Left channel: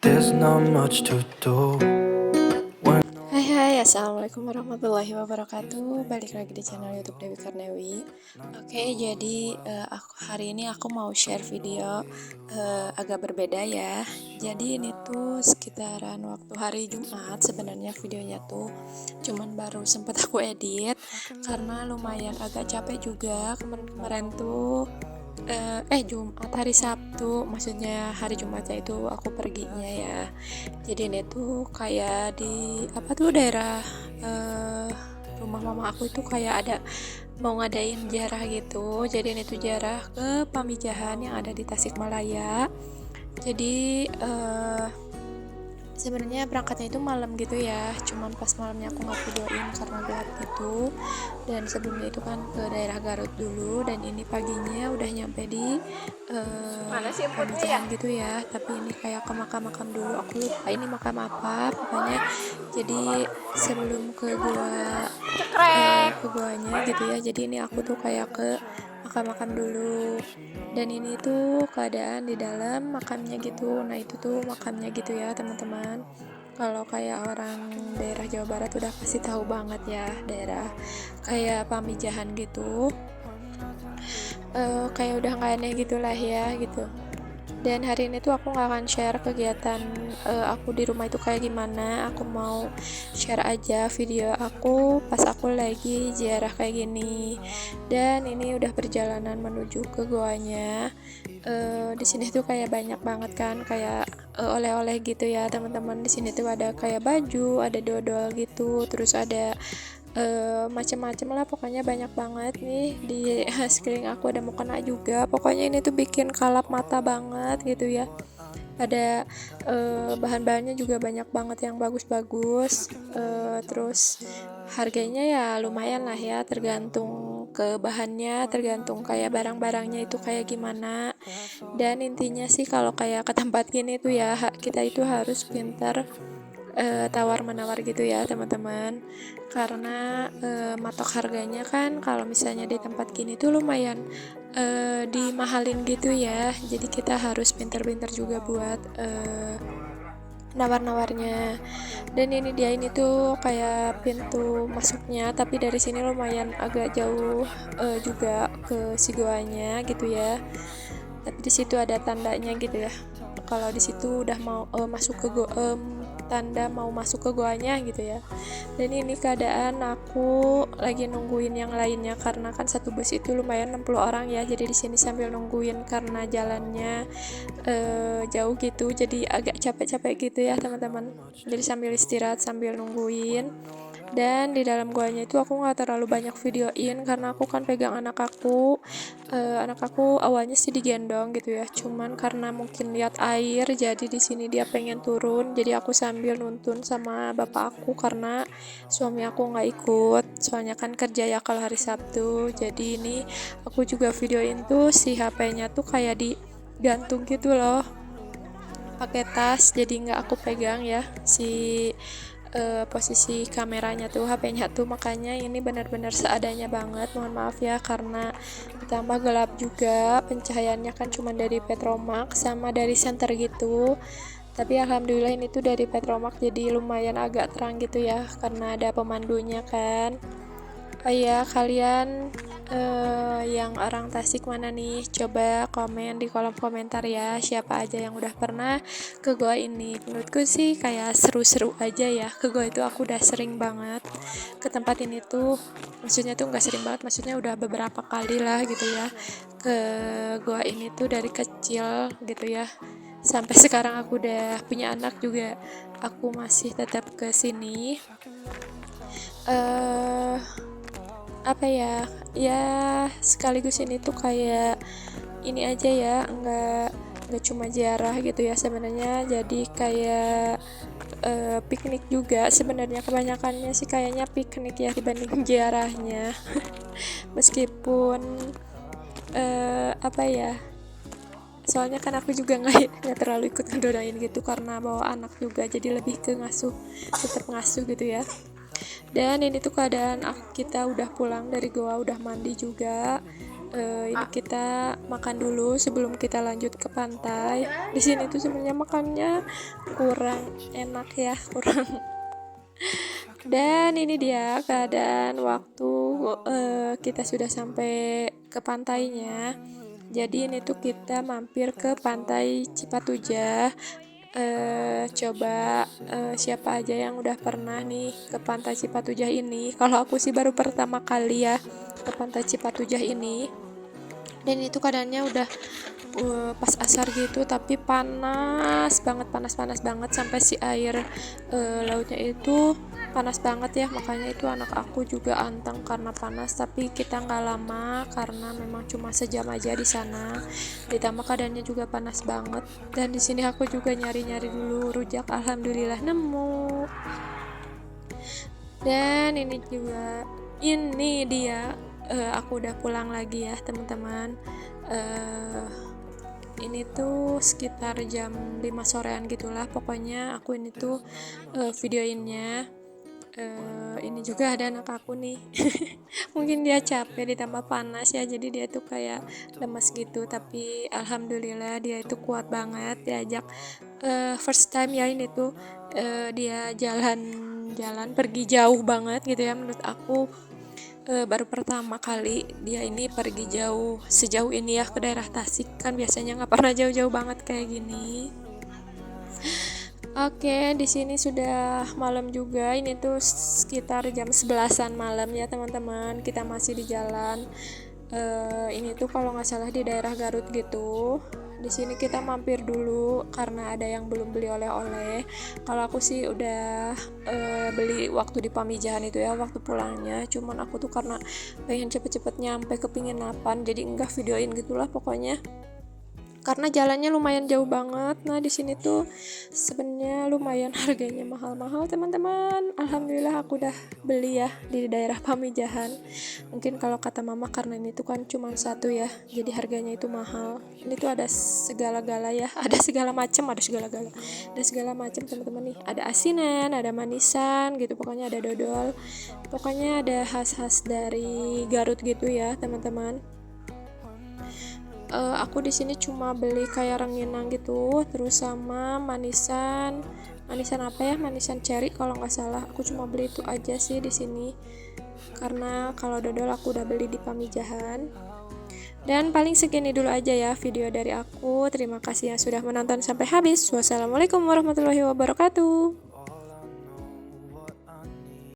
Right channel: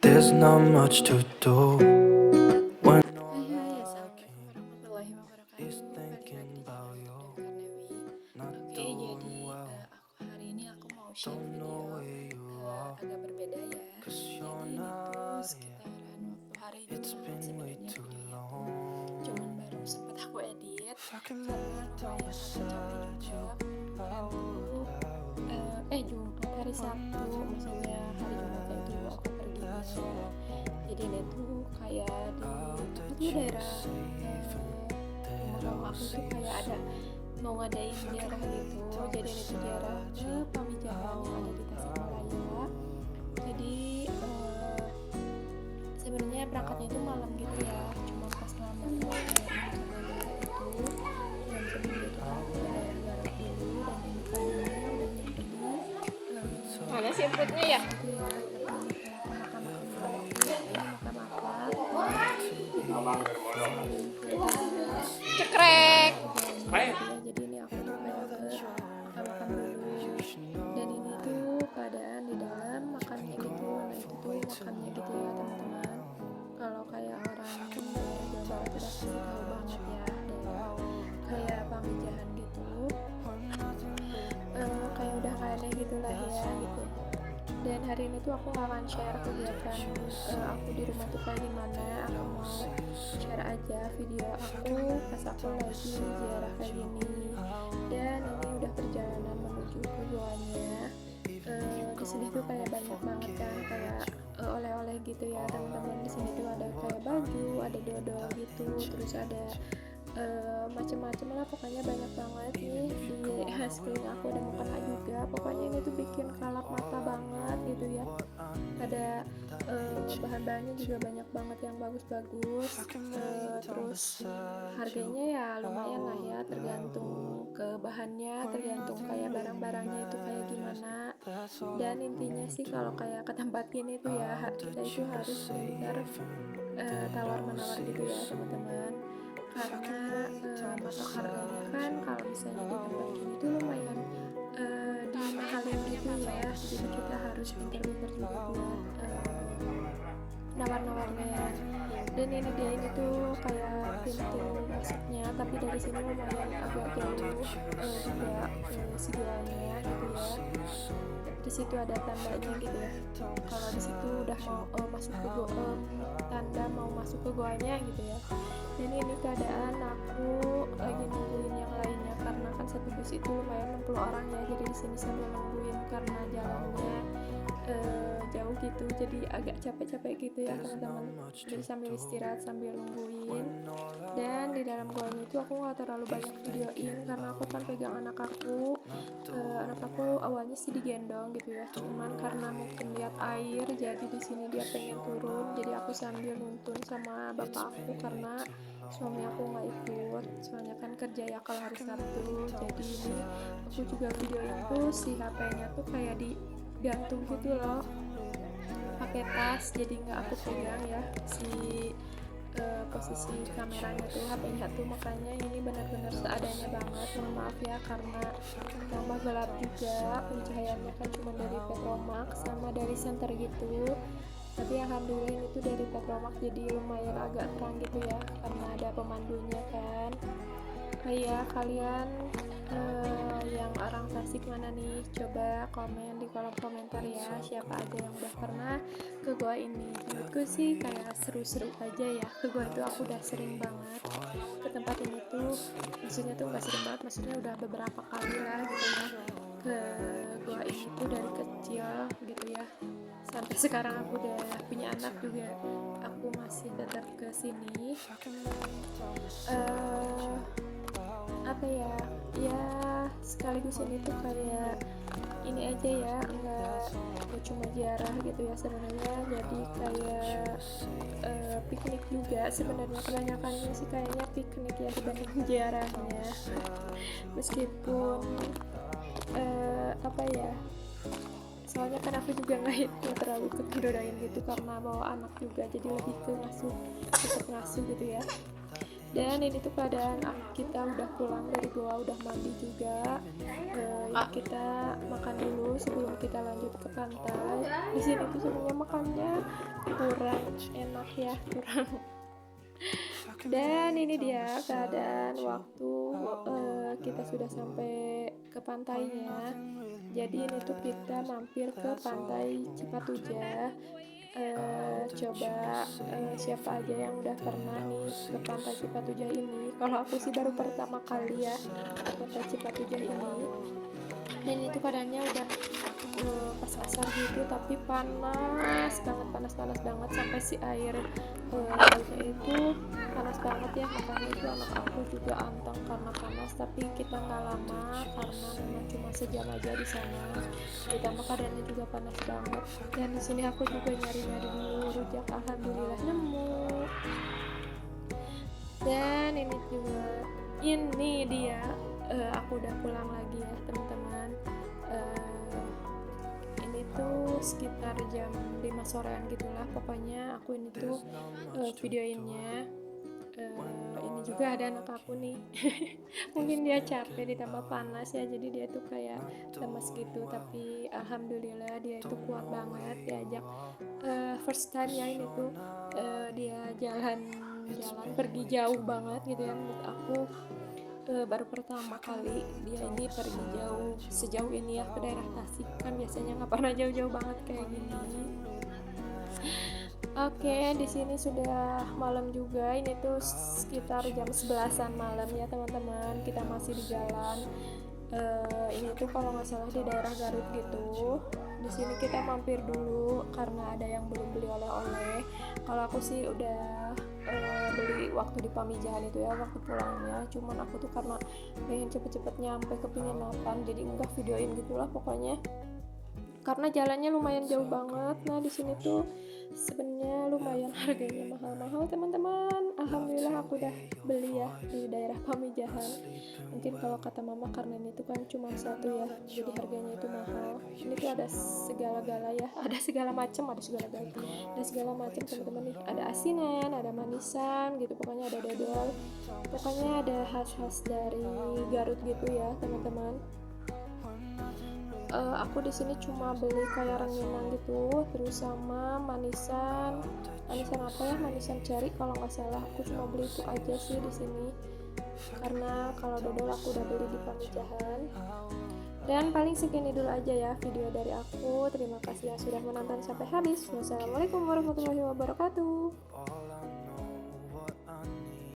There's not much to do. Hai, assalamualaikum warahmatullahi wabarakatuh. Balik lagi di channel YouTube Dewi Karnewi. Oke, jadi hari ini aku mau share video agak berbeda ya. Jadi ini tuh sekitaran waktu hari Jumat sebenarnya videonya tuh, cuman baru sempet aku edit karena lumayan agak capek juga. Kemarin tuh Jumat hari Sabtu, maksudnya hari Jumatnya itu aku perginya ya. Jadi ini tuh kayak di daerah rumah mama aku tuh kayak ada mau ngadain ziarah gitu. Jadi ini tuh ziarah ke Pamijahan yang ada di Tasikmalaya. Jadi sebenarnya berangkatnya itu malam gitu ya, cuman pas malamnya aku nggak videoin karena gelap gitu. Dan sebelumnya itu kan ke daerah Garut dulu, dan ini paginya udah nyampe di Mana sih inputnya ya? gitu ya. Tapi ini kayak ke makam-makam dulu, aku lupa ini makam apa pokoknya. Jadi sebelum ke guanya gitu ya, jadi ini aku tuh kayak ke makam-makam dulu. Dan ini tuh keadaan di dalam makamnya gitu. Nah itu tuh makamnya gitu ya teman-teman. Kalau kayak orang daerah Jawa Barat udah pasti tahu banget ya, daerah kayak Pamijahan gitu. Kayak udah nggak aneh gitulah ya gitu. Dan hari ini tuh aku nggak akan share kegiatan aku di rumah itu kayak gimana. Aku mau share aja video aku pas aku lagi ziarah kayak gini. Dan ini udah perjalanan menuju ke goanya. Di sini tuh kayak banyak banget kan kayak oleh-oleh gitu ya teman-teman. Di sini tuh ada kayak baju, ada dodol gitu, terus ada macam-macam lah, pokoknya banyak banget nih. Di sekeliling aku ada mukena juga, pokoknya ini tuh bikin kalap mata banget gitu ya. Ada bahan-bahannya juga banyak banget yang bagus-bagus. Terus harganya ya lumayan lah ya, tergantung ke bahannya, tergantung kayak barang-barangnya itu kayak gimana. Dan intinya sih kalau kayak ke tempat gini tuh ya, kita itu harus pintar tawar menawar gitu ya teman-teman, karena matok harganya kan kalau misalnya di tempat gini tuh lumayan dimahalin gitu ya. Jadi kita harus pintar-pintar juga buat nawar-nawarnya. Dan ini dia, ini tuh kayak pintu masuknya, tapi dari sini lumayan agak jauh juga ke si goanya gitu ya. Tapi di situ ada tandanya gitu ya, kalau di situ udah mau masuk ke tanda mau masuk ke goanya gitu ya. Dan ini keadaan aku lagi nungguin yang lainnya karena kan satu bus itu lumayan 60 orang ya. Jadi di sini sambil nungguin karena jalannya jauh gitu, jadi agak capek-capek gitu ya teman-teman. Jadi sambil istirahat sambil nungguin. Dan di dalam goanya itu aku nggak terlalu banyak videoin karena aku kan pegang anak aku. Anak aku awalnya sih digendong gitu ya, cuman karena mungkin lihat air jadi di sini dia pengen turun, jadi aku sambil nuntun sama bapak aku karena suami aku nggak ikut soalnya kan kerja ya kalau hari Sabtu. Jadi ini aku juga videoin tuh si HP-nya tuh kayak digantung gitu loh pakai tas, jadi nggak aku pegang ya si posisi kameranya tuh, HP-nya tuh. Makanya ini benar-benar seadanya banget, mohon maaf ya karena ditambah gelap juga, pencahayaannya kan cuma dari Petromax sama dari center gitu. Tapi alhamdulillah ini tuh dari Petromax jadi lumayan agak terang gitu ya karena ada pemandunya kan. Oh iya, kalian yang orang Tasik mana nih? Coba komen di kolom komentar ya, siapa aja yang udah pernah ke goa ini. Menurutku sih kayak seru-seru aja ya. Ke goa itu aku udah sering banget ke tempat ini tuh. Maksudnya tuh nggak sering banget, maksudnya udah beberapa kali lah gitu ya ke goa ini tuh dari kecil gitu ya. Sampai sekarang aku udah punya anak juga, aku masih tetap ke sini. apa ya, ya sekaligus ini tuh kayak ini aja ya, nggak cuma ziarah gitu ya sebenarnya, jadi kayak piknik juga sebenarnya, kebanyakannya sih kayaknya piknik ya dibanding ziarahnya. Meskipun apa ya, soalnya kan aku juga nggak terlalu ikut ngedodain gitu karena bawa anak juga, jadi lebih ke ngasuh, tetap ngasuh gitu ya. Dan ini tuh keadaan kita udah pulang dari goa, udah mandi juga. Ini kita makan dulu sebelum kita lanjut ke pantai. Di sini tuh sebenarnya makannya kurang enak ya, kurang. Dan ini dia keadaan waktu kita sudah sampai ke pantainya. Jadi ini tuh kita mampir ke pantai Cipatujah. Coba siapa aja yang udah pernah nih ke pantai Cipatujah ini. Kalau aku sih baru pertama kali ya ke pantai Cipatujah ini. Dan itu keadaannya udah pas asar gitu, tapi panas banget sampai si air lautnya itu panas banget ya, makanya itu anak aku juga anteng karena panas. Tapi kita nggak lama karena memang cuma sejam aja di sana, ditambah keadaannya juga panas banget. Dan di sini aku juga nyari-nyari dulu rujak, alhamdulillah nemu. Dan ini dia aku udah pulang lagi ya teman-teman. Ini tuh sekitar jam 5 sorean gitulah, pokoknya aku ini tuh videoinnya. Ini juga ada anak aku nih. Mungkin dia capek ditambah panas ya, jadi dia tuh kayak lemas gitu, tapi alhamdulillah dia itu kuat banget. Diajak first time ya ini tuh dia jalan pergi jauh banget gitu ya, menurut aku baru pertama kali dia ini pergi jauh sejauh ini ya ke daerah Tasik, kan biasanya nggak pernah jauh-jauh banget kayak gini. Oke, di sini sudah malam juga. Ini tuh sekitar jam 11-an malam ya teman-teman. Kita masih di jalan. Ini tuh kalau nggak salah di daerah Garut gitu. Di sini kita mampir dulu karena ada yang belum beli oleh-oleh. Kalau aku sih udah beli waktu di Pamijahan itu ya, waktu pulangnya. Cuman aku tuh karena pengen cepet-cepet nyampe, kepingin napan, jadi enggak videoin gitulah pokoknya. Karena jalannya lumayan jauh banget. Nah di sini tuh sebenarnya lumayan harganya mahal-mahal teman-teman. Alhamdulillah aku udah beli ya di daerah Pamijahan. Mungkin kalau kata mama karena ini tuh kan cuma satu ya, jadi harganya itu mahal. Ini tuh ada segala-gala ya, ada segala macam teman-teman nih. Ada asinan, ada manisan gitu, pokoknya ada dodol, pokoknya ada khas-khas dari Garut gitu ya teman-teman. Aku di sini cuma beli kayak rengginang gitu, terus sama manisan apa ya, manisan cherry kalau nggak salah. Aku cuma beli itu aja sih di sini, karena kalau dodol aku udah beli di Pamijahan. Dan paling segini dulu aja ya video dari aku. Terima kasih ya sudah menonton sampai habis. Wassalamualaikum warahmatullahi wabarakatuh.